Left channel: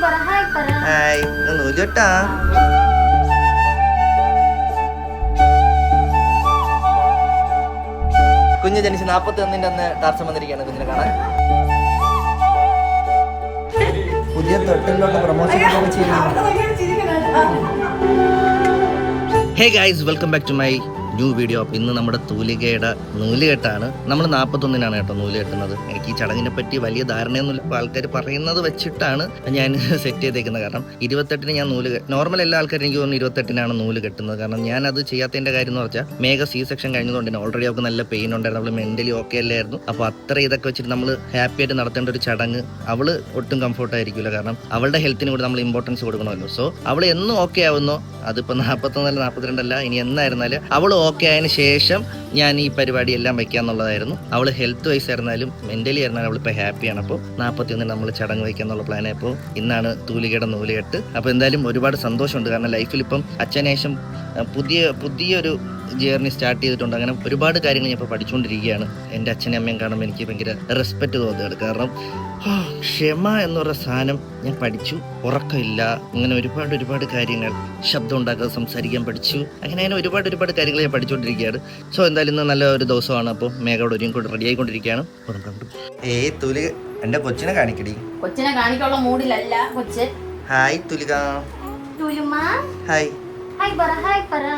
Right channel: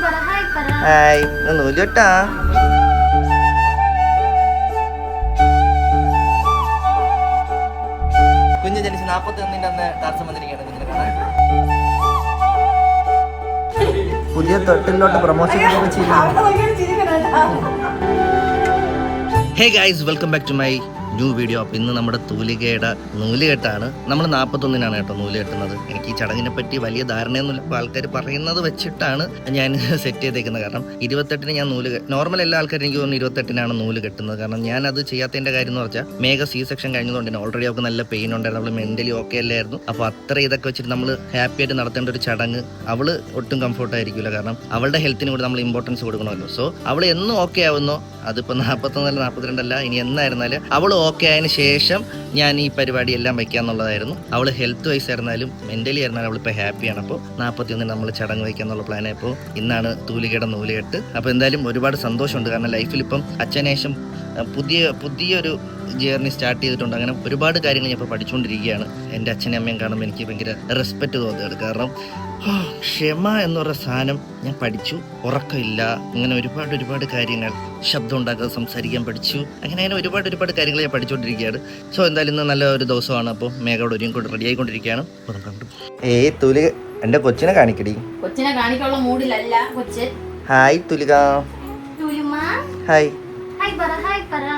Hi നൂലുകെട്ടാ. കുഞ്ഞ് ജനിച്ച് 41 അന്ന് ടാർസം വന്നിരിക്കുകയാണ് കുഞ്ഞിനെ കാണാൻ. പുതിയ തൊട്ടിലോട്ട് promotion hey guys, welcome back to my new video. അപ്പോൾ ഇന്ന് നമ്മുടെ തൂലികയുടെ നൂലുകെട്ടാണ്. നമ്മൾ 41 കേട്ടോ നൂല് കെട്ടുന്നത്. എനിക്ക് ഈ ചടങ്ങിനെ പറ്റി വലിയ ധാരണയൊന്നുമില്ല. അപ്പോൾ ആൾക്കാർ പറയുന്നത് വെച്ചിട്ടാണ് ഞാൻ സെറ്റ് ചെയ്തേക്കുന്നത്. കാരണം 28 ഞാൻ നൂല് നോർമൽ എല്ലാ ആൾക്കാരും എനിക്ക് തോന്നുന്നു 28 നൂല് കെട്ടുന്നത്. കാരണം ഞാൻ അത് ചെയ്യാത്തതിൻ്റെ കാര്യം എന്ന് വെച്ചാൽ മേഘ C-സെക്ഷൻ കഴിഞ്ഞതുകൊണ്ട് തന്നെ ഓൾറെഡി അവർക്ക് നല്ല പെയിൻ ഉണ്ടായിരുന്നു. അവൾ മെൻ്റലി ഓക്കെ അല്ലായിരുന്നു. അപ്പോൾ അത്ര ഇതൊക്കെ വെച്ചിട്ട് നമ്മൾ ഹാപ്പി ആയിട്ട് നടത്തേണ്ട ഒരു ചടങ്ങ് അവൾ ഒട്ടും കംഫർട്ടായിരിക്കില്ല. കാരണം അവളുടെ ഹെൽത്തിന് കൂടി നമ്മൾ ഇമ്പോർട്ടൻസ് കൊടുക്കണമല്ലോ. സോ അവൾ എന്നും ഓക്കെ ആവുന്നോ, അതിപ്പോൾ 41 42 അല്ല, ഇനി എന്നായിരുന്നാലും അവൾ ഓക്കെ ആയതിനു ശേഷം ഞാൻ ഈ പരിപാടി എല്ലാം വയ്ക്കാന്നുള്ളതായിരുന്നു. അവൾ ഹെൽത്ത് വൈസ് ആയിരുന്നാലും മെന്റലി ആയിരുന്നാലും അവളിപ്പോൾ ഹാപ്പിയാണ്. അപ്പോൾ 41 നമ്മൾ ചടങ്ങ് വയ്ക്കാന്നുള്ള പ്ലാനായപ്പോൾ ഇന്നാണ് തൂലികയുടെ നൂലുകെട്ട്. അപ്പോൾ എന്തായാലും ഒരുപാട് സന്തോഷമുണ്ട്. കാരണം ലൈഫിൽ ഇപ്പം അച്ഛനേശം പുതിയൊരു ജേർണി സ്റ്റാർട്ട് ചെയ്തിട്ടുണ്ട്. അങ്ങനെ ഒരുപാട് കാര്യങ്ങൾ ഞാൻ ഇപ്പോൾ പഠിച്ചുകൊണ്ടിരിക്കുകയാണ്. എൻ്റെ അച്ഛനും അമ്മയും കാണുമ്പോൾ എനിക്ക് ഭയങ്കര റെസ്പെക്റ്റ് തോന്നുകയാണ്. കാരണം ക്ഷമ എന്ന് പറയുന്ന സാധനം ഞാൻ പഠിച്ചു. ഉറക്കമില്ല, അങ്ങനെ ഒരുപാട് കാര്യങ്ങൾ, ശബ്ദം ഉണ്ടാക്കാതെ സംസാരിക്കാൻ പഠിച്ചു. അങ്ങനെ ഒരുപാട് കാര്യങ്ങൾ ഞാൻ പഠിച്ചുകൊണ്ടിരിക്കുകയാണ്. സോ എന്തായാലും ഇന്ന് നല്ല ഒരു ദിവസമാണ്. അപ്പോൾ മേഘയോട് ഒരുങ്ങി റെഡി ആയിക്കൊണ്ടിരിക്കുകയാണ്. തുലിക എൻ്റെ കൊച്ചിനെ കാണിക്കടി. കൊച്ചിനെ കാണിക്കാനുള്ള മൂഡിലല്ല കൊച്ചൻ. ഹായ് തുലിക. ഹായ്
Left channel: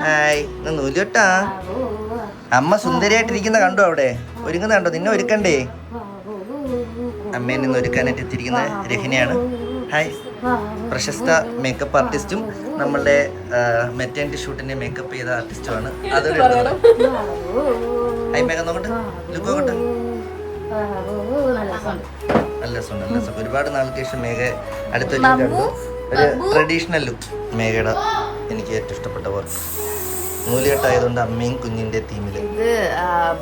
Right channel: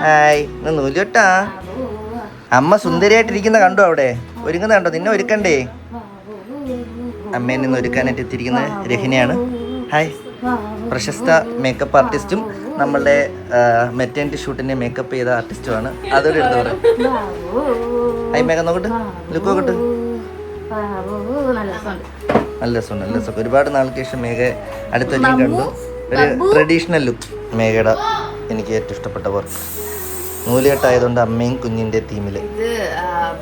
ഹായ് നൂലുകെട്ടാ. അമ്മ സുന്ദരിയായിട്ടിരിക്കുന്ന കണ്ടോ? അവിടെ ഒരുങ്ങുന്ന കണ്ടോ? നിന്നെ ഒരുക്കണ്ടേ? അമ്മയെ നിന്ന് ഒരുക്കാനായിട്ട് എത്തിയിരിക്കുന്നത് രഹിനയാണ്. ഹായ്. പ്രശസ്ത മേക്കപ്പ് ആർട്ടിസ്റ്റും നമ്മളുടെ മെറ്റേണിറ്റി ഷൂട്ടിന്റെ മേക്കപ്പ് ചെയ്ത ആർട്ടിസ്റ്റുമാണ്. അതൊരു എടുത്തോളെ. ഹായ് മേഘ, നോക്കട്ടെ, ലുക്ക് നോക്കട്ടെ. നല്ല രസമുണ്ട്. ഒരുപാട് നാൾക്ക് ശേഷം മേഘ അടുത്തൊരു കണ്ടു. ഒരു ട്രഡീഷണൽ ലുക്ക് മേഘയുടെ എനിക്ക് ഏറ്റവും ഇഷ്ടപ്പെട്ട വർക്ക്. നൂലുകെട്ടായതുകൊണ്ട് അമ്മയും കുഞ്ഞിന്റെ തീമില്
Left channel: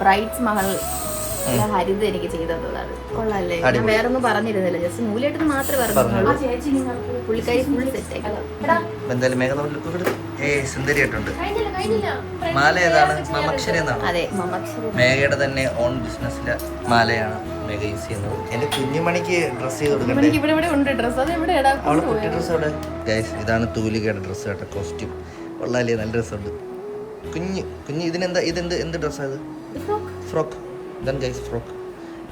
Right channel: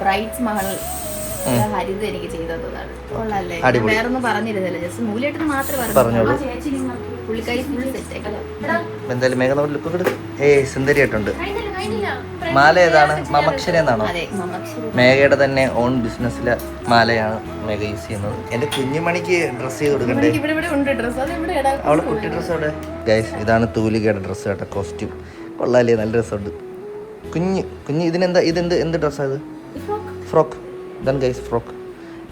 ബ്രൈറ്റ്സ് മഹൽ ഹരിത എനിക്ക് ചെയ്തതാണ്. വേറൊന്നും പറഞ്ഞിരുന്നില്ല, ജസ്റ്റ് നൂലെട്ട് മാത്രമേ പറഞ്ഞുള്ളൂ. പുള്ളിക്കാരി ഫുൾ സെറ്റ് ആക്കില്ല. എന്തായാലും മേഘ ലുക്ക് സുന്ദരിയായിട്ടുണ്ട്. മാല ഏതാണ്? മമക്ഷര എന്നാണോ? മേഘയുടെ തന്നെ ഓൺ ബിസിനസ്സിലെ മാലയാണ് മേഘ യൂസ് ചെയ്യുന്നത്. എന്റെ കുഞ്ഞുമണിക്ക് ഡ്രസ് ചെയ്ത് കൊടുക്കണ്ടേ? അവളെ കുട്ടി ഡ്രസ് അവിടെ. ഗൈസ്, ഇതാണ് തൂലികയുടെ ഡ്രസ്സ് കേട്ടോ, കോസ്റ്റ്യൂം. കൊള്ളാലേ, നല്ല രസമുണ്ട്. കുഞ്ഞ് ഇതിനെന്താ, എന്ത് ഡ്രസ്സാണ് ഇത്? ഫ്രോക്ക്. ഇതാണ് ഗൈസ് ഫ്രോക്ക്.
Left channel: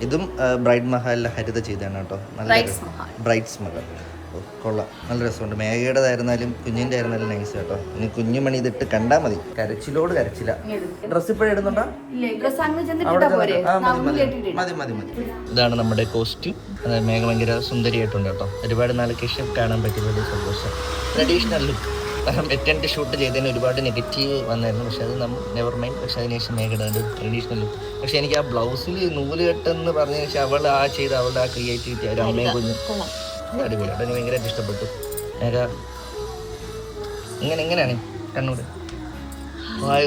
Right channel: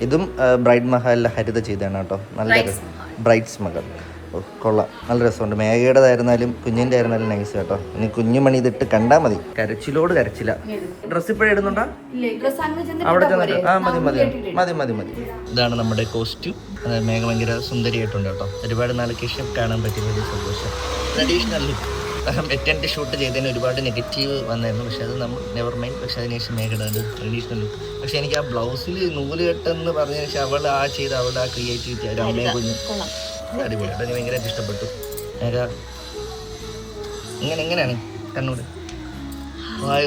ഇതും ബ്രൈഡ് മഹലിലെ ഹരിത ചെയ്തതാണ് കേട്ടോ. നല്ല ബ്രൈഡ്സ് മകൾ. കൊള്ളാം, നല്ല രസമുണ്ട്. മേഘയുടേതായിരുന്നാലും കുഞ്ഞിൻ്റെ ആയിരുന്നാലും നൈസ് കേട്ടോ. ഇനി കുഞ്ഞുമണി ഇതിട്ട് കണ്ടാൽ മതി. കരച്ചിലോട് കരച്ചില്ല. ഡ്രസ്സ് ഇപ്പോഴും ഇടുന്നുണ്ടോ? അവിടെ മതി. ഇതാണ് നമ്മുടെ കോസ്റ്റ്യൂം. മേഘ ഭയങ്കര സുന്ദരിയായിട്ടുണ്ട് കേട്ടോ. ഒരുപാട് നാൾക്ക് ശേഷം കാണാൻ പറ്റുന്ന ഒരു സന്തോഷം. Traditional look. മെറ്റേണിറ്റി ഷൂട്ട് ചെയ്തതിന് ഒരുപാട് നെഗറ്റീവ് വന്നായിരുന്നു. പക്ഷെ അത് നമ്മൾ നെവർ മൈൻഡ്. പക്ഷെ അതിനുശേഷം മേഘയുടെ ട്രഡീഷണൽ ലുക്ക്. പക്ഷെ എനിക്ക് ആ ബ്ലൗസിൽ നൂല് കെട്ടെന്ന് പറഞ്ഞതിന് ശേഷം അവളുടെ ആ ക്രിയേറ്റിവിറ്റി, ഒരു അമ്മയെ കുഞ്ഞ് അടിപൊളിയായിട്ട് എനിക്ക് ഭയങ്കരമായിട്ട് ഇഷ്ടപ്പെട്ടു. മേഘ എങ്ങനെയാണ് കണ്ണൂർ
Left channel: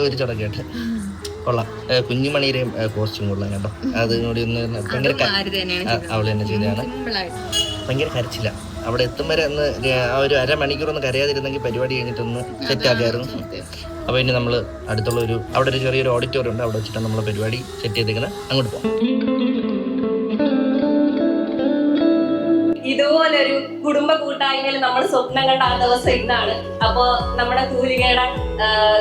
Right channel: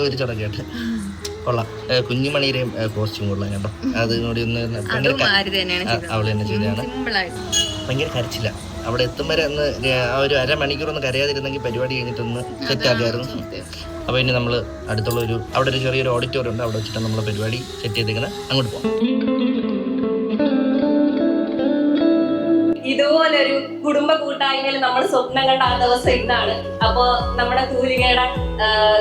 ഒരു ചടങ്ങായിട്ട് കൊള്ളാം. കുഞ്ഞുമണിയുടെയും കോസ്റ്റ്യൂം കൊള്ളാം കേട്ടോ. അതിനോട് ഒന്ന് ഭയങ്കര അവൾ തന്നെ ചെയ്തതാണ്. ഭയങ്കര കരച്ചില്ല. അവിടെ എത്തും വരെ ഒന്ന് ഒരു അരമണിക്കൂറൊന്ന് കരയാതിരുന്നെങ്കിൽ പരിപാടി കഴിഞ്ഞിട്ടൊന്ന് സെറ്റാക്കായിരുന്നു. അപ്പോൾ ഇനി നമ്മൾ അടുത്തുള്ള അവിടെ ഒരു ചെറിയൊരു ഓഡിറ്റോറിയം ഉണ്ട്. അവിടെ വെച്ചിട്ടാണ് നമ്മൾ പരിപാടി സെറ്റ് ചെയ്തേക്കുന്നത്. അങ്ങോട്ട് പോകാം. ഇതുപോലൊരു കുടുംബ കൂട്ടായ്മയിൽ നമ്മൾ സ്വപ്നം കണ്ട ആ ദിവസം ഇന്നാണ്. അപ്പോ നമ്മുടെ തൂലികയുടെ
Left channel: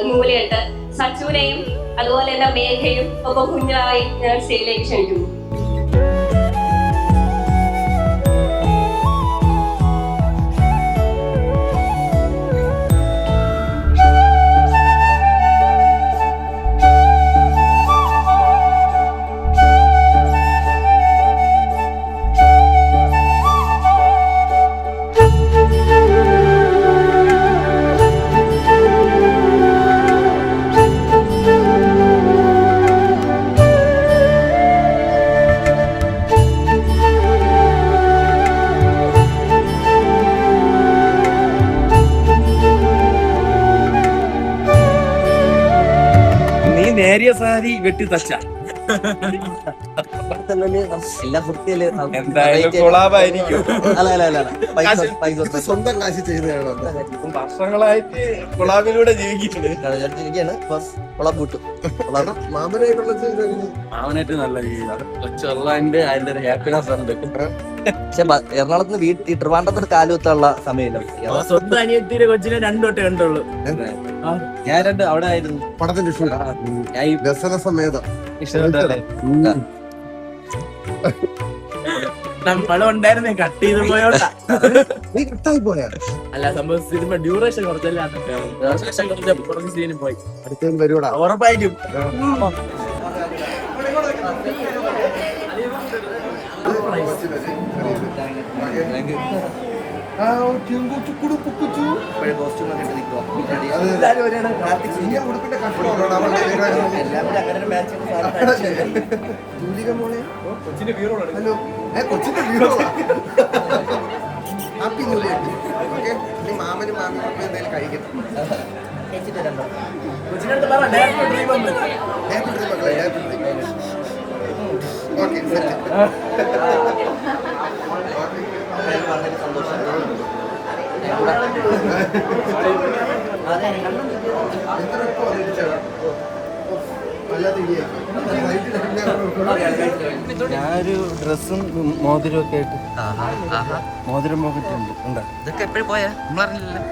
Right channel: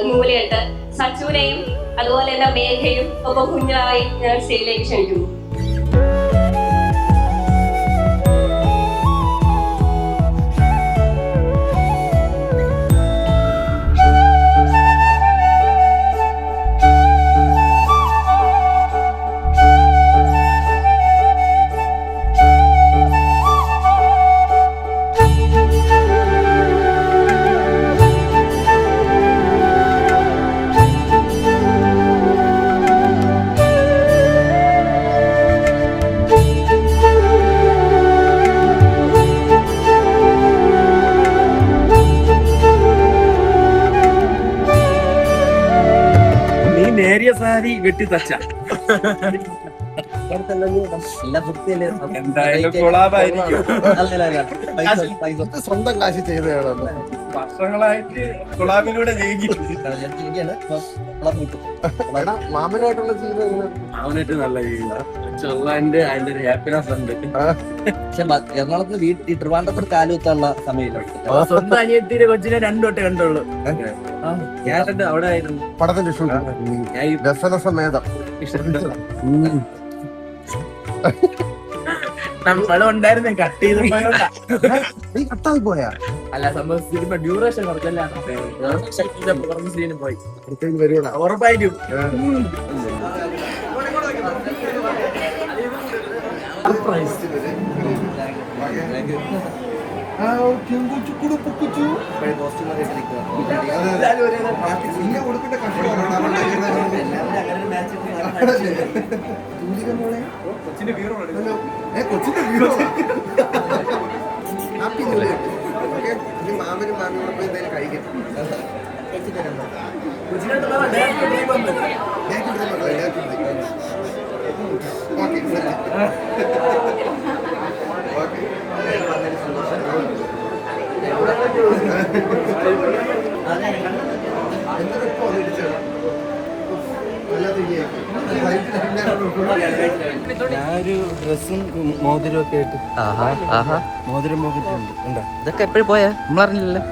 നൂലുകെട്ട് സച്ചുവിനെയും അതുപോലെ തന്നെ മേഘയും ഒപ്പം കുഞ്ഞായി ഞാൻ സ്റ്റേജിലേക്ക് ക്ഷണിക്കുന്നു. നേരിയ സാരി വെട്ടി തച്ച എന്തായാലും കൊളാബായിരിക്കും. സ്വന്തം കാശ് ചെയ്തതാണോ? വർഷങ്ങളായിട്ട് കൊളാബിലൂടെ ജീവിക്കുന്നു. മാമനായിട്ടുള്ള ജീവിതം അവനായിട്ട് നല്ല ജീവിതമാണ്. കൊച്ചുള്ളതിന്റെ അതിന്റെ ഒരു ഹാപ്പിനെസ് ഉണ്ട്. പക്ഷെ എറണാകുളത്ത് വീട്ടിൽ ട്രിവാൻഡ്രത്ത് കാലുത്തുള്ള സമയമില്ല. സ്വന്തം അനിയത്തിയുടെ കൊച്ചിനെ 2 തൊട്ട് കണ്ടുള്ളൂ. ഞാൻ 2 അവിടെ ആയിരുന്നു. പടത്തിന്റെ ഞാൻ ഈ രസരസമേതം ഇഷ്ടമുണ്ടല്ലേ നമ്മളും ഉണ്ടായിരുന്നേ, കട്ട് ചെയ്ത് പോയോണ്ടാ. നീ കട്ടായി പോയാ അല്ല സംഭവം സിനിമ ഡ്യൂറേഷൻ കുറച്ചല്ലാണ്, കുറച്ച് സീന് പോയി. അടുത്തേക്ക് വരുവാടാ. ഉറപ്പായിട്ടും ഉടുപ്പിന്റെ കഷ്ടമാണ് ഹലോ കൊച്ചിന്റെ വീറോ ഹാപ്പി നൂലിയുണ്ട്. ഓക്കെ, ഇനി മാമനും മാമിയും കൂടെ പോയി എന്തായാലും കഴിക്കട്ടെ. ഓക്കെ ഞാനൊരു ഡ്രസ്സും മോതിരം ഒക്കെ ആയിട്ട് മോതിരം പോക്കിട്ടുണ്ട്. ഇതൊക്കെ എപ്പോഴും പോയാ നമ്മളറിഞ്ഞില്ലല്ലോ.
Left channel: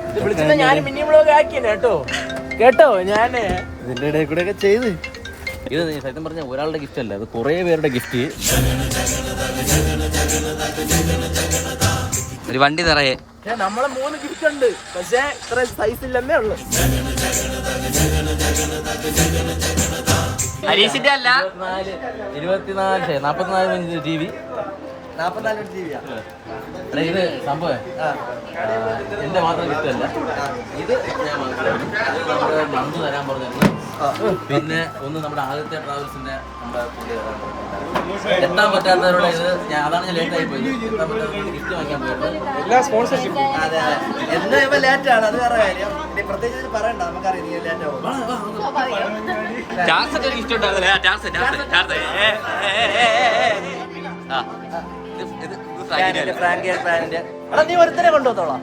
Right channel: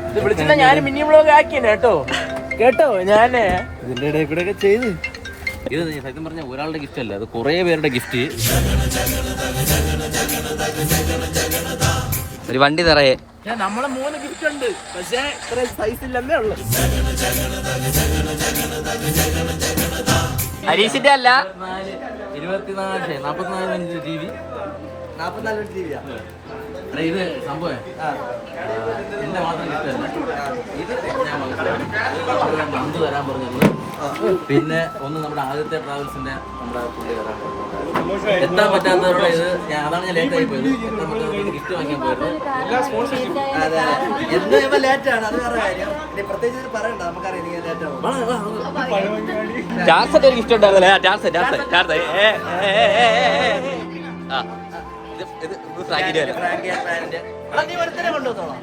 കേട്ടോ ഞാന് ഇതിന്റെ ഇടയിൽ കൂടെ ഒക്കെ ചെയ്ത് ഇത് സത്യം പറഞ്ഞ ഒരാളുടെ ഗിഫ്റ്റ് അല്ല, അത് കുറെ പേരുടെ ഗിഫ്റ്റ്. ഒരു വണ്ടി നിറയെ നമ്മളെ 3 ഗിഫ്റ്റ് ഉണ്ട്, പക്ഷേ ഇത്ര സൈസ് ഇല്ലെന്നേ ഉള്ളു. ഹരീഷിന്റെ അല്ല 44 TV. 44 ജീവിയാ. ഇത് സംഭവം എന്റെ മാത്രം ഗിഫ്റ്റ് അല്ല, ഇത് നമ്മുടെ നമ്പ് തരാൻ പറഞ്ഞത്. പിന്നെ ഒന്ന് നമ്മുടെ ആദ്യത്തെ ട്രാവൽസിന്റെ നമ്മുടെ പുള്ളി തരാൻ പറഞ്ഞത്. എത്താൻ പറ്റാത്തവരുടെ ഇത് അതാണ് ഞാൻ ലേറ്റ് ആയി പോയത്. എത്താൻ പറ്റാത്തവരുടെ ഗിഫ്റ്റ് വാങ്ങിക്കാൻ പോയത്. എല്ലാ സ്പോൺസർഷിപ്പ് എന്താ ലേറ്റ് ആണ്, അത് വേറെ കാര്യം. പ്രത്യേകിച്ച് പറയണ്ട, നമുക്കറിയാം ലേറ്റ് ആവും. ഗിഫ്റ്റ് ഉണ്ടാവില്ല. നീ ഒരുത്തനെ കൊണ്ടുവന്നോളാം.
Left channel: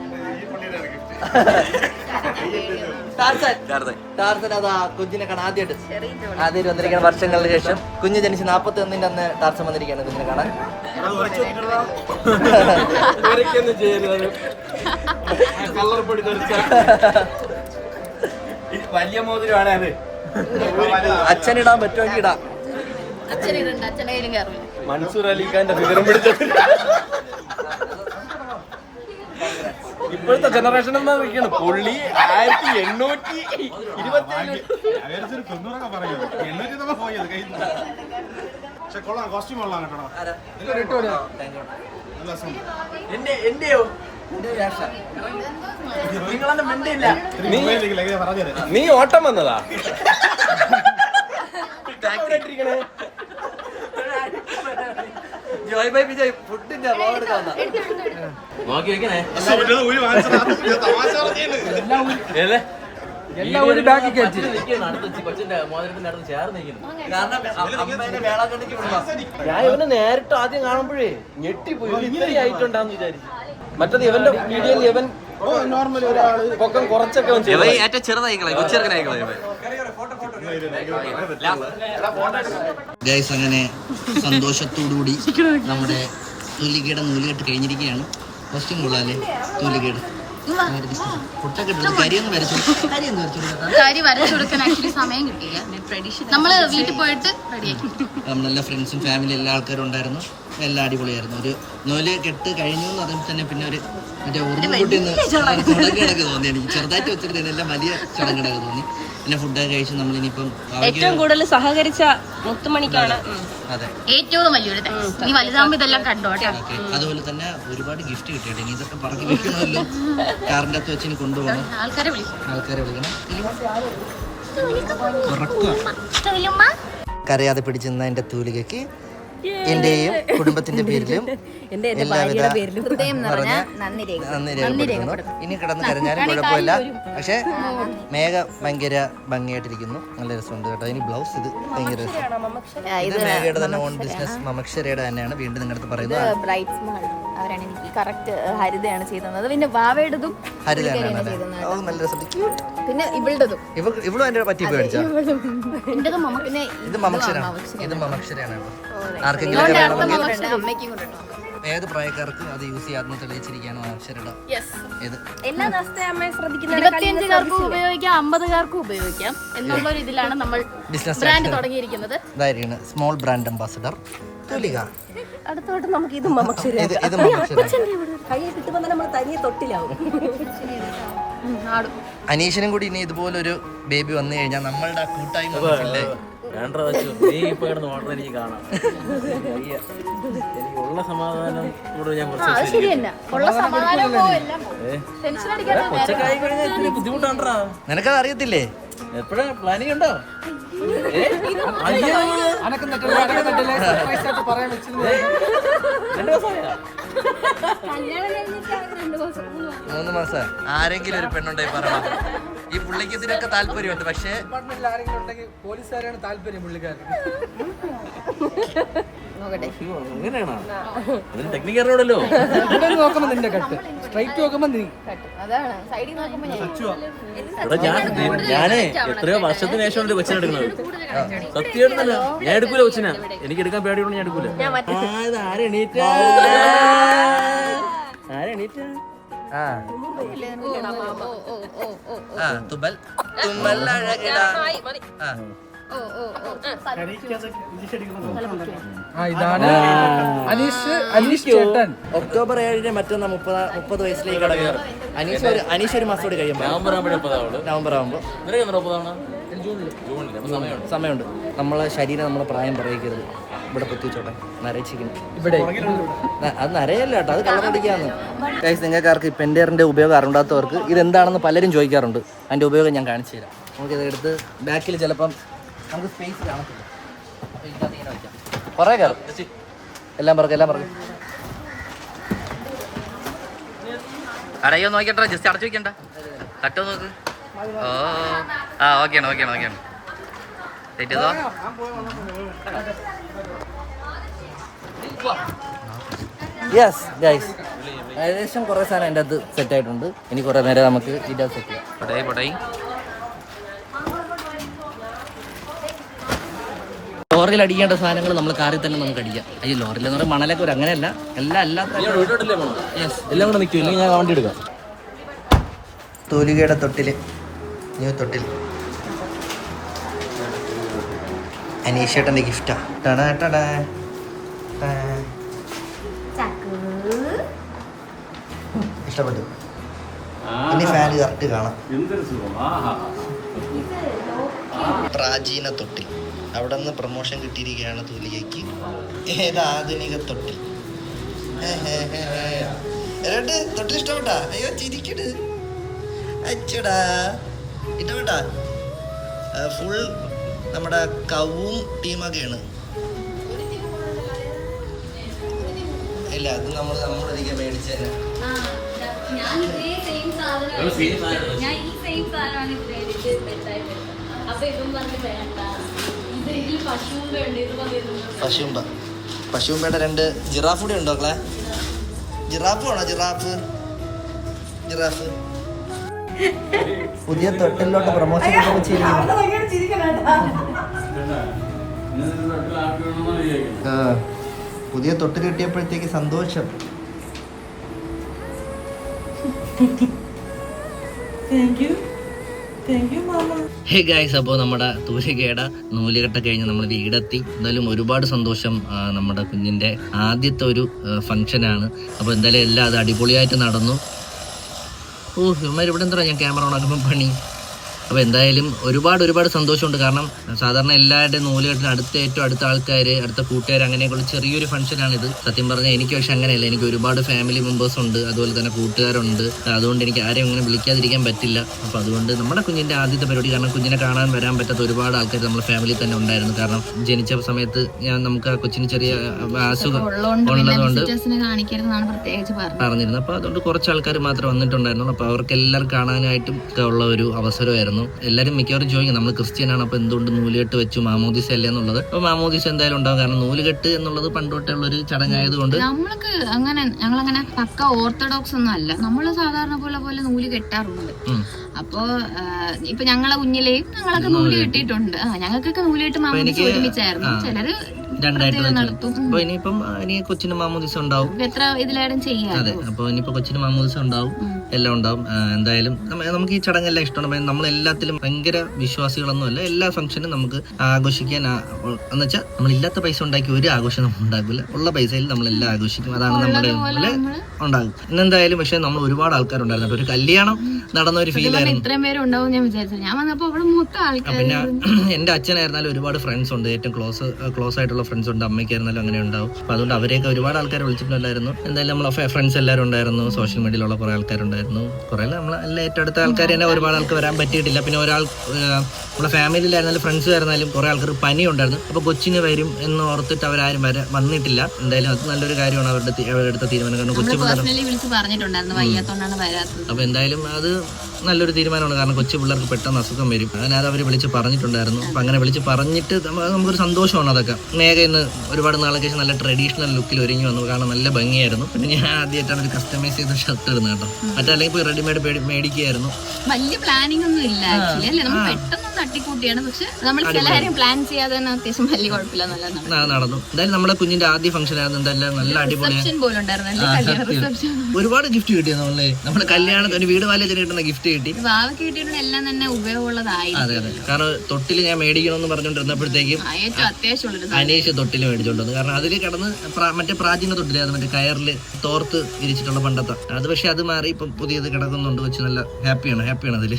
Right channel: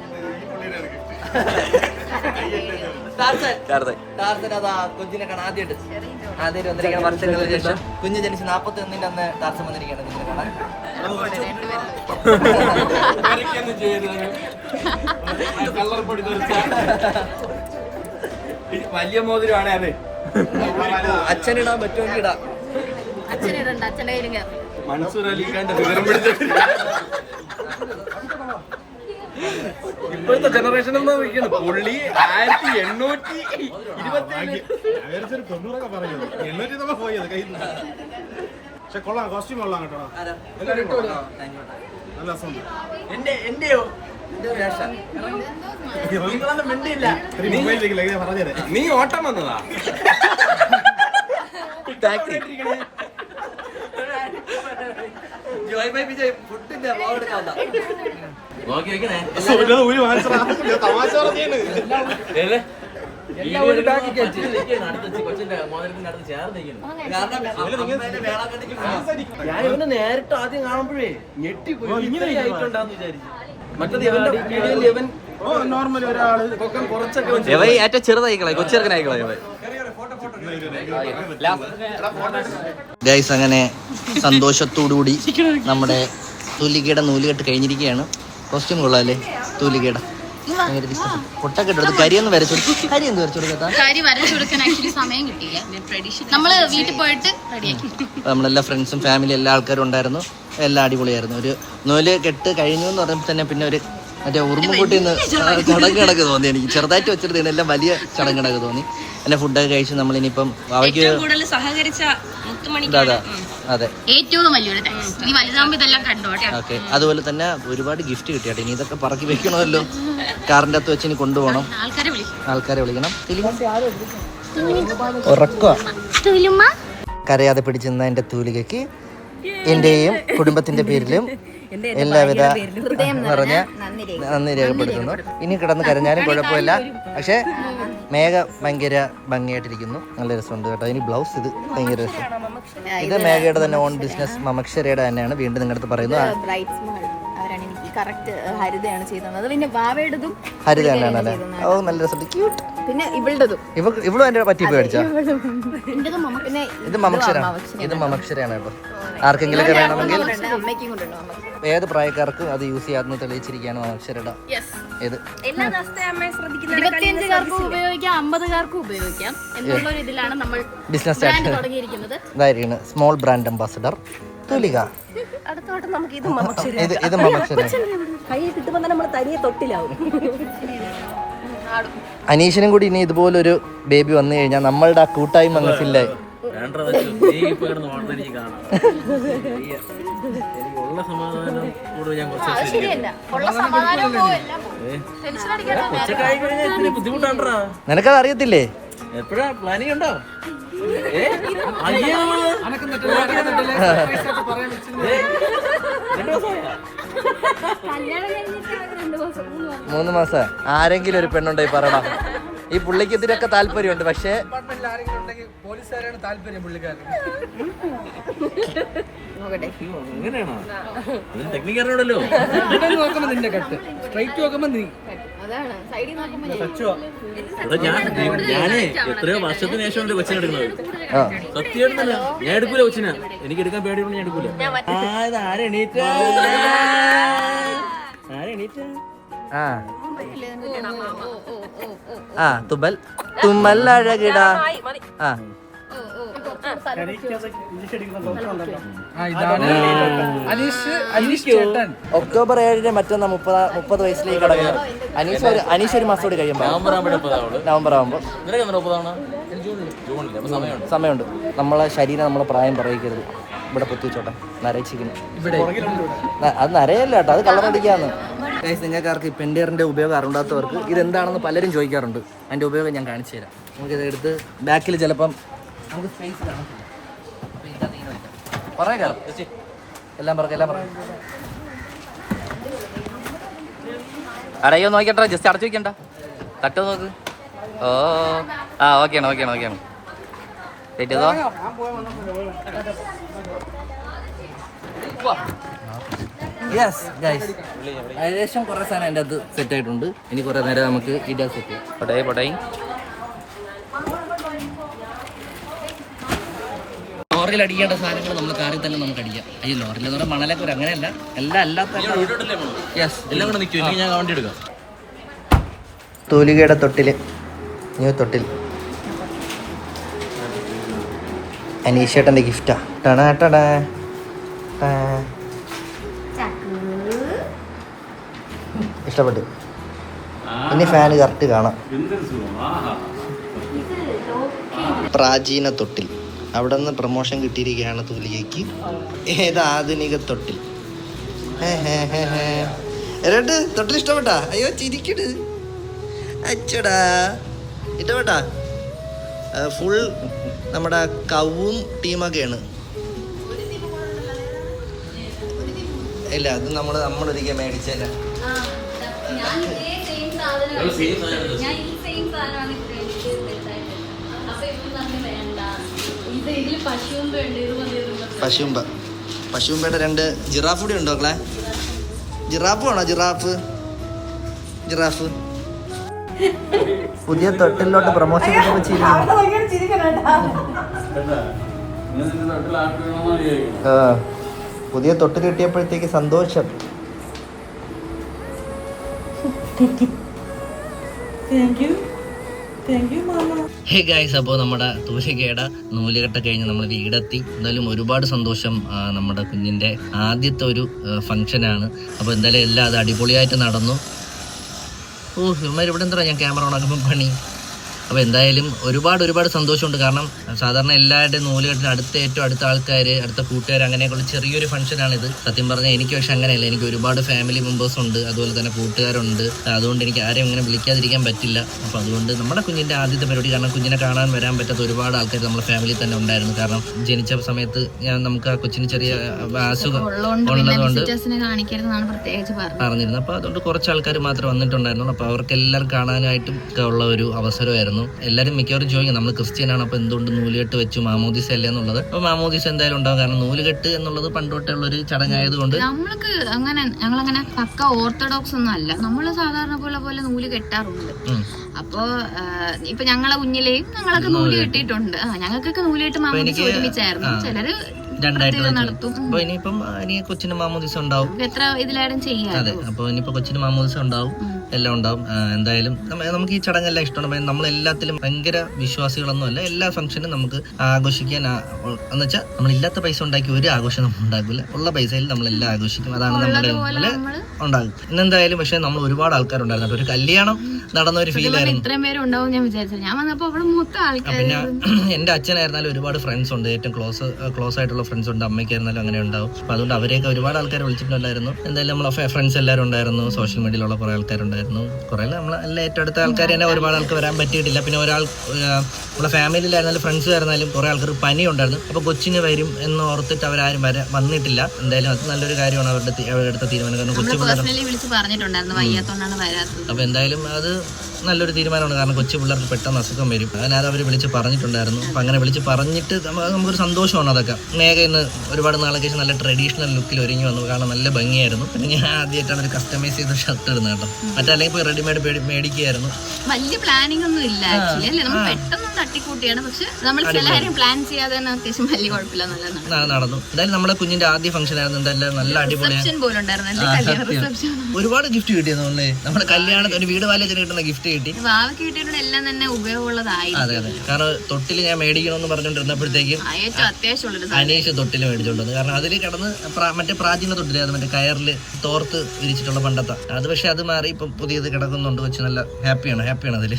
കുഞ്ഞിനെ കാണാൻ ആദ്യമായിട്ട് വന്നിരിക്കുന്ന വർഷങ്ങൾക്ക് ശേഷം കുഞ്ഞ് ജനിച്ച് 41 അന്ന് ടാർസൻ വന്നിരിക്കുകയാണ് കുഞ്ഞിനെ കാണാൻ. വലിയ മോതിരമാണ് അത്. അച്ഛനിടാൻ പറ്റുമെങ്കിൽ ഇടാം. മൻസൂർ അലിഖാന്റെ വിവരം പിടിച്ചിട്ട് ഇപ്പോഴത്തെ ജനറേഷൻ എന്നാ വിളിക്കുന്നത്. പുള്ളി 1820 എന്റെയോ നീ ഓട്ടം വന്നതാ. ഫുഡിന്റെ നോക്കി വെക്കണേ. ഞാൻ നേരിട്ട് ആദ്യം കാണുമ്പോഴേ ഞെട്ടിപ്പോയി. ഇങ്ങനെ ആയിട്ടുണ്ടാന്ന് വിചാരിച്ചു. മറ്റത് ഇവന്റെ വീഡിയോയിൽ ഇവൻ നോർമൽ ഒരാള് പൊക്കം കുറച്ചൊക്കെ ഏറ്റവും ചെറുതായിക്കളെ കൊച്ചിറക്കനായിക്കളെ. ഗൈസ്, അങ്ങനെ സന്തോഷത്തോടുകൂടി നമ്മുടെ തൂലികയുടെ നൂലുകെട്ട് കഴിഞ്ഞിരിക്കുകയാണ്. കോസ്റ്റ്യൂം കൊള്ളാല്ലേ തൂലികയുടെ? പൊട്ടൊക്കെ ഇട്ടു. കരിയൊന്നും വരച്ചു കൊടുക്കാം. കരി വരച്ചു കൊടുക്കാൻ ആക്ച്വലി സമയം കിട്ടിയില്ല. നമ്മള് വീട്ടിൽ പോയിട്ട് റെഡിയാക്കി. നമ്മളെല്ലാ ഫ്രണ്ട്സും ഫാമിലി എല്ലാ ആൾക്കാരും ഉണ്ടായിരുന്നു. എല്ലാം അടിപൊളിയായിരുന്നു. ഒരു നൂല് കെട്ട് കഴിഞ്ഞു എന്ന് പറയുമ്പോൾ തന്നെ പിന്നെ ഒരു മറ്റേ ഉറുമ്പുകുട്ടിന്ന് ചടങ്ങടക്ക് തോന്നി. എനിക്ക് ചെറുതായിട്ട് വെച്ചിരുന്നു, എല്ലാം വലിയ ചടങ്ങടക്ക് തോന്നി. എല്ലാം ഫുഡൊക്കെ കഴിച്ച് നമ്മൾ ഇനിയിപ്പം കൂടുതൽ സഹകരിച്ച മുത്തുമണിക്കാണ്. അതെ, ഏറ്റവും വലിയൊരു താങ്ക്സ്. നീ വലുതാകുമ്പോ ഇതെല്ലാം കണ്ടോട്ടെ. ഓക്കെ. അതുപോലെ തന്നെ ഒരുപാട് ഗിഫ്റ്റ് കിട്ടിയാട്ടെ. ഇനി ഇതൊക്കെ പറക്കി വെക്കണമല്ലോ. കാറിന്റെ അകത്ത് വെച്ച് ഇനി കൊണ്ടുപോകണം. ആൾക്കാരെ വിളിക്കണം. ഉറക്കുക കരയാതെ പിടിച്ചിരുന്ന എന്റെ തൂലികയ്ക്ക് എന്റെയും കുടുംബത്തിന്റെ പേരിലും എല്ലാവിധ പറഞ്ഞ നന്ദി രേഖപ്പെടുത്തുന്നു. ഇനി കിടന്ന് കരഞ്ഞാലും കുഴപ്പമില്ല. പക്ഷെ മേഘ ഭയങ്കര ഭംഗിയായിട്ടിരിക്കുന്നു. നല്ല രസമുണ്ട് കേട്ടോ. ഇനി ബ്ലൗസ് ഇത് ഭയങ്കര രസം. ഇത് മേഘയുടെ തന്നെ ഓൺ ബിസിനസ് മമക്ഷരയുടെ തന്നെയാണ്. വീണ്ടും നിങ്ങളുടെ അടുത്ത് പറയുന്നു. കറക്റ്റ് ഹരിതയാണ് ചെയ്തത്. പിന്നെ വാവയുടേതും ഹരിത തന്നെയാണല്ലേ? ഓ നല്ല രസം, ക്യൂട്ട്. പിന്നെ ഇവളുടേതും ഇവളും എന്റെ പറ്റി മേടിച്ചാ. എന്റേതും മമ്മ. പിന്നെ ഇത് മമക്ഷരാണ്, ഇത് മമക്ഷരയാണ് കേട്ടോ. ആർക്കെങ്കിലും ഒക്കെ വേണമെങ്കിൽ അമ്മയ്ക്കും കൊണ്ടുപോകും. ഏത് പ്രായക്കാർക്കും അത് യൂസ് ചെയ്യാമെന്ന് തെളിയിച്ചിരിക്കുകയാണ് മമക്ഷരയുടെ ഇത്. 25-കാർക്കും ഉപയോഗിക്കാം, 50-കാർക്കും ഉപയോഗിക്കാം എന്നുള്ളൊരു ഇതിലാണ് നമ്മൾ ബിസിനസ് ബ്രാൻഡ് തുടങ്ങിയിരിക്കുന്നത്. ഇതായിരിക്കും സ്മോൾ ബ്രാൻഡ് അംബാസഡർ തൂലിക. അടുത്തോട്ട് നമുക്ക് ഇത് മമ്മ ഇത് മമക്ഷര. കയ്യിൽ കിട്ടുമ്പോൾ നമ്മൾ തനിയെ തൊട്ടിലാവും. അനീഷിനും കൂടി ഇനി ഇതുപോലൊരു ബേബി വന്നു കഴിഞ്ഞാൽ നമ്മളുടെ ആ കൂട്ടായ്മ ഫില്ലായി. ഉള്ള സമാധാനം ഞാൻ കൊച്ചക്കായി കഴിഞ്ഞാൽ ഇത്തിരി ബുദ്ധിമുട്ടാണ്ടാ. നിനക്കത് അറിയത്തില്ലേ? എപ്പോഴാ പ്ലാനിങ് ഉണ്ടോ? മൂന്ന് മാസം. ആരെങ്കിലും ഒരു പെണ്ണുണ്ടായി പറയണം. ഈ പുള്ളിക്ക് ഇതിനൊക്കെ താല്പര്യമുണ്ട്, പക്ഷേ അങ്ങനെയാണോ? ടെക്നിക്ക് അറിയണല്ലോ. ഞാനേ എത്രയോ വർഷത്തിന് ശേഷം കൊച്ചിനെ എടുക്കുന്നത്. സത്യമായിട്ട് തന്നെ ഞാൻ എടുക്കൂല കൊച്ചിനെ. എനിക്ക് എടുക്കാൻ പേടിയുണ്ട്, ഞാൻ എടുക്കൂല. തുമ്മൽ തുമ്മൽ അഴകിട. ഒക്ടോബർ 7 മറ്റൊന്ന് 30 വയസ്സിലേക്ക് കടക്കുക. അനീഷ് ഒരു മാസം കൂടി കഴിയുമ്പോൾ നവംബർ ആകുമ്പോൾ സമയമുണ്ട്. നമ്മളെ ശരീരം നമ്മളെ പ്രായം പറയിക്കരുത്. ഇവിടെ പൊത്തിച്ചോട്ടെ, നരയിച്ചിരിക്കുന്നു. അത് നരയല്ല കേട്ടോ, അത് കളറടിക്കാന്ന്. നിങ്ങൾക്കാർക്ക് ഈ പെൻഡേറിൻ്റെ ഉപയോഗം അറിയാത്തവർക്ക് ഇതെന്താണെന്ന് പലരും ചോദിക്കാറുണ്ട്. അതിൻ്റെ ഉപയോഗം ഞാൻ കാണിച്ചു തരാം. നമുക്കിത് എടുത്ത് ബാക്കിൽ ചിലപ്പം നമുക്ക് സ്പേസ് കാണത്തില്ല, അപ്പോൾ ഇതിനകത്ത് ഇങ്ങനെ വയ്ക്കാം. കുറേ കയറും. എല്ലാം പറക്കും. അടയോ നോക്കിട്ടോ, ജസ്റ്റ് അടച്ചു വയ്ക്കണ്ട. കട്ടോ നോക്ക്. ഓ ഓക്കെയാണ്. വെയിറ്റ് ചെയ്തോ. യെസ് ഗൈസ്, ഏകദേശം കുറേ സാധനം എൻ്റെ അത് സെറ്റ് ആയിട്ടുണ്ട്. ഇനി കുറേ നേരം നമുക്ക് ഇത് സെറ്റ് ചെയ്യാം. പൊട്ടായി ലോറിയിൽ അടിക്കേണ്ട സാധനങ്ങൾ നമ്മൾ കാറിൽ തന്നെ നമുക്ക് അടിക്കാം. അയ്യോ, ലോറിയിൽ എന്ന് പറഞ്ഞാൽ മണലൊക്കെ വരും, അങ്ങനെയല്ല. എല്ലാം അല്ലാത്ത യെസ് എല്ലാം കൂടെ നിൽക്കും. ഇല്ലെങ്കിൽ ഞാൻ വണ്ടി എടുക്കാം. തൂലികയുടെ തൊട്ടിൽ, ന്യൂ തൊട്ടിൽ അനീഷേട്ടൻ്റെ ഗിഫ്റ്റാ. ഇഷ്ടപ്പെട്ടു. ഇനി ഫാന് കറക്റ്റ് കാണാം. പ്രാചീന തൊട്ടിൽ, അവിടെ നിന്ന് പ്രൊമോഷൻ കിട്ടിയിരിക്കുകയാണ് തൂലികയ്ക്ക്. ഏത് ആധുനിക തൊട്ടിൽ. തൊട്ടിൽ ഇഷ്ടപ്പെട്ടാ? അയ്യോ ചിരിക്കട്. അച്ചടാ, ഇഷ്ടപ്പെട്ടാ? ഫുൾ നമ്മുടെ കവും ടീമൊക്കെയാണ്. ഇല്ല, അത് നമ്മളൊരിക്കൽ മേടിച്ചേരാ. പശുമ്പയുടെ 2 ജിറാഫ് കൂടി ഉണ്ടോ മക്കളെ? ജിറാഫ് വേണോ? ജിറാഫ് പുതിയ തൊട്ടിലോട്ട് പ്രൊമോഷൻ പുതിയ തൊട്ടിൽ കിട്ടിയപ്പോഴത്തേക്ക് സന്തോഷം. ഹേ ഗൈസ്, അപ്പോൾ നമ്മുടെ തൂലികയുടെ നൂലുകെട്ട് കഴിഞ്ഞ് നമ്മൾ വീടെത്തി. എന്തായാലും ഒരുപാട് സന്തോഷം. നമ്മുടെ കുഞ്ഞിൻ്റെ ആദ്യത്തെ ഒരു ഫംഗ്ഷനാണ്. അപ്പോൾ എന്തായാലും എല്ലാം അത് അടിപൊളിയായിട്ട് നടന്നു. ഇവന്മാർ ഇവിടെ എന്താ ഞാൻ ക്യാമറ ഓണാക്കുമ്പോൾ പണി. അപ്പോൾ എന്തായാലും ഒരുപാട് സന്തോഷമുണ്ട്. കാരണം സാധാരണ എല്ലാവരുടെയും നൂലുകെട്ടിന് ഏറ്റവും അടുത്ത ആൾക്കാർ, അടുത്ത കൂട്ടുകാർ, അങ്ങനെയൊക്കെയുള്ള ചെറിയൊരു ഫംഗ്ഷനാണിത്. സത്യം പറഞ്ഞാൽ എനിക്ക് പക്ഷെ അങ്ങനെയല്ല. എനിക്ക് ഒരുപാട് ഫാമിലി മെമ്പേഴ്സ് ഉണ്ട്, അതുപോലെ തന്നെ കൂട്ടുകാരുണ്ട്. അതുകൊണ്ട് എനിക്ക് ആരെയും അങ്ങനെ വിളിക്കാതിരിക്കാൻ പറ്റില്ല. അപ്പോൾ അതുകൊണ്ട് നമ്മുടെ കുഞ്ഞിൻ്റെ ആദ്യത്തെ പരിപാടി, കാരണം കുഞ്ഞിനെ കാണാൻ വരാൻ പറ്റാത്ത ഒരുപാട് ആൾക്കാർ നമ്മുടെ ഫാമിലി തന്നെ ഉണ്ടായിരുന്നു. കാരണം ജനിച്ച സമയത്ത് നമുക്ക് ആ കൊച്ചിന് ചെറിയ അസുഖം ഉള്ളതുകൊണ്ട് പറഞ്ഞിരുന്നു. അപ്പോൾ അതുകൊണ്ട് കുറച്ച് ആൾക്കാർ മാത്രമേ വന്നിട്ടുണ്ടായിരുന്നുള്ളൂ. അപ്പോൾ അവർക്ക് എല്ലാവരും കാണാനായിട്ടും ഉള്ള ഒരു അവസരമായിരുന്നു. ഉണ്ടായിരുന്നു. എല്ലാവരും മിക്കവാറും ചോദിക്കും നമ്മൾ ക്രിസ്ത്യനാണ്, അപ്പൊ എന്തുകൊണ്ട് നൂലുകെട്ട് വെച്ചു, മാമോദിസ അല്ലേ എന്നുള്ളത്. അപ്പൊ മാമോദിസ എന്തായാലും ഉണ്ടാവും, കാരണം നൂലുകെട്ട് എന്നുള്ളത് പണ്ടോട്ടുള്ള ഒരു ചടങ്ങായതുകൊണ്ട്. നമ്മൾക്ക് ഞങ്ങളങ്ങനെ പക്ക ഓർത്തഡോക്സ് ഒന്നും അല്ല, നമ്മള് സാധാരണ പോലെ നൂല് കെട്ടാറുണ്ട്. അപ്പൊ ഇപ്പൊ ഞങ്ങളെ കുഞ്ഞിലെയും ഞങ്ങളൊക്കെ നൂല് കെട്ടിയിട്ടുണ്ട്. ഞങ്ങൾക്കൊക്കെ നൂല് കെട്ട് മാമോദിസ ഒരുമിച്ചായിരുന്നു, ചിലര് നടത്തും. അപ്പൊ ഇനിയിപ്പം ഇനി കൊച്ചിന് മാമോദിസ ഉണ്ടാവും, എത്ര ഇതിലായാലും ചെയ്യാം. അതെ, അപ്പൊ ഇനിയിപ്പോ കൊച്ചിന് മാമോദിസ ഉണ്ടാവും, എല്ലാം ഉണ്ടാവും. എന്തായാലും നമുക്ക് ഈ ചടങ്ങെല്ലാം ഇഷ്ടമാണ്. നമ്മൾ എല്ലാത്തിലും ഭയങ്കര വിശ്വാസികളൊന്നും അല്ല. എല്ലാ ഫംഗ്ഷനും നമുക്ക് ആഘോഷിക്കാൻ എന്ന് വെച്ചാൽ നമ്മളില്ലാത്ത പൈസ ഉണ്ടാക്കി ഒരു ആഘോഷം നമ്മൾ ഉണ്ടാക്കില്ല, ഉള്ള പൈസയിൽ നമ്മളെല്ലാം ആഘോഷിക്കും. അതാണ് നമ്മുടെ ഉണ്ടാകും. ഇന്നെന്തായാലും പക്ഷെ നമ്മൾ ഒരുപാട് ആൾക്കാരുണ്ടായിരുന്നു. ഒരു കല്യാണം നടന്ന ഒരു ഫീൽ ആയിരുന്നു. ഇത്രയും പേര് ഉണ്ടാവും ഞാൻ വിചാരിച്ചു. ഞാൻ വന്നപ്പോ അവിടെ മൊത്തം ആൾക്കാർ. പിന്നെ എന്റെ അച്ഛനായിരുന്നാലും ഒരുപാട് ഫ്രണ്ട്സ് ഉണ്ട്, ഏറ്റവും ക്ലോസ് ആയിട്ടുള്ള ഫ്രണ്ട്സ് ഉണ്ട്. അമ്മയ്ക്കായിരുന്നാലും അങ്ങനെ ഉണ്ടാവും. അപ്പൊ അതുകൊണ്ട് അവരെയൊക്കെ ഒരുപാട് ആൾക്കാരെ വിളിച്ചിട്ടുണ്ടായിരുന്നു. എന്തായാലും നമ്മളെ ഫ്രണ്ട്സ് എല്ലാവരും ഉണ്ടായിരുന്നു, സോഷ്യൽ മീഡിയയിലുള്ള കുറെ ആൾക്കാരുണ്ടായിരുന്നു. കുറെ നമ്മളെല്ലാം ഏറ്റവും അടുത്ത ആൾക്കാർ തന്നെ ഒരുപാട് ആൾക്ക് വരാൻ പറ്റിയിട്ടില്ല. പിന്നെ നമ്മളെ ഫാമിലിയിലായിരുന്നാലും ഫ്രണ്ട്സ് ആയിരുന്നാലും കുറെ ആൾക്കാർ പനി ഉണ്ടായിരുന്നു. അപ്പൊ കൊച്ചിന് വരും എന്ന് ഓർത്തിട്ട് അവരാരും വന്നിട്ടില്ല. എന്തായാലും അത് നല്ലൊരു കാര്യമാണ് അവരുടെ എടുത്ത തീരുമാനം. കാരണം കൊച്ചു വിളിച്ച് പറഞ്ഞിട്ടുണ്ടായിരുന്നു വയ്യാത്തോണ്ടാണ് വരാത്തത്. അപ്പൊ എന്തായാലും അത് നല്ലൊരു തീരുമാനമാണ്. കാരണം കൊച്ചു പിള്ളേർക്ക് പെട്ടെന്ന് അസുഖം വരും. അങ്ങനെ അത് അവർ വിളിച്ച് പറഞ്ഞിട്ടുണ്ടായിരുന്നു. അപ്പൊ അങ്ങനെ വിളിച്ച് പറഞ്ഞിട്ട് നമുക്കൊരു സന്തോഷമാണ് അതൊക്കെ. മേഘ ഇന്ന് ഒരുപാട് നാളേക്ക് ശേഷം നല്ല ട്രഡീഷണൽ ലുക്കിൽ ഒരുങ്ങി വന്നു, കാരണം നല്ല ഭംഗിയായിരുന്നു. പിന്നെ ഞാൻ ആദ്യമായിട്ടാണ് ഒരു കസ്റ്റമൈസ് ചെയ്ത ഷർട്ട് ഇടുന്നത് കേട്ടോ. മറ്റല്ലെങ്കിൽ പോയി റെഡിമെയ്ഡ് മേടിക്കുകയായിരുന്നു. വലിയ പ്ലാനിങ് ഒന്നും ഇല്ല ആക്ച്വലി, അല്ലേ? നമ്മൾ പെട്ടെന്ന് തട്ടിക്കൂട്ടിയാണ്, പക്ഷെ നമ്മൾ ചില കാര്യം പ്ലാൻ ചെയ്യാതെ തന്നെ അത്യാവശ്യം വലിയ കുഴപ്പമില്ല, നല്ല നടന്നു. എന്തായാലും നമ്മുടെ കുഞ്ഞിന്റെ ആദ്യ ഫംഗ്ഷൻ ആയിരുന്നു. എന്തായാലും നല്ല അടിപൊളിയാണ്. ഒരുപാട് ഗിഫ്റ്റ് കിട്ടിയെന്നല്ലേ നമ്മുടെ കല്യാണത്തിന്, ഒരു വീട് വാലത്തിന് കിട്ടുന്ന ഗിഫ്റ്റ് കിട്ടി. വാവയ്ക്ക് കിട്ടിയിട്ടുള്ള എല്ലാം തന്നെ ഉപയോഗമുള്ളതായി. അതെ അതെ, കാരണം തൊട്ടില് ഞാൻ മേടിക്കണമെന്ന് പറഞ്ഞോണ്ടിരുന്നപ്പോഴത്തേക്കും ഏറ്റവും അത്യാവശ്യമുള്ളത് അനീഷ് തൊട്ടില് മേടിച്ചോണ്ടത്. കാരണം അതിൽ കിടന്ന് മറ്റേ പ്രാചീന തൊട്ടില്, അത് മറ്റേ കയറില് തോർത്ത് വിരിച്ചിട്ടുള്ള പണ്ടത്തെ അത്. പക്ഷെ അത് മാറി ഇപ്പം പുതിയത് കിടക്കുന്നുണ്ട്. കൊച്ചു നല്ല ഹാപ്പിയാണ് അതില്.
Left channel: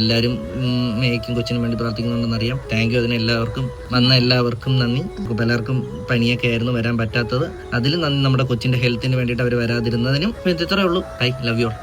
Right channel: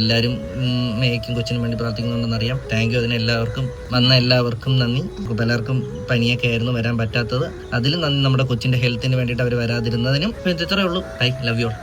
എല്ലാവരും മേയ്ക്കും കൊച്ചിനും വേണ്ടി പ്രാർത്ഥിക്കുന്നുണ്ടെന്ന് അറിയാം. താങ്ക് യു അതിന് എല്ലാവർക്കും. വന്ന എല്ലാവർക്കും നന്ദി. പലർക്കും പനിയൊക്കെ ആയിരുന്നു വരാൻ പറ്റാത്തത്, അതിലും നന്ദി. നമ്മുടെ കൊച്ചിന്റെ ഹെൽത്തിന് വേണ്ടിയിട്ട് അവർ വരാതിരുന്നതിനും. ഇത്രയേ ഉള്ളൂ. Bye, love you all.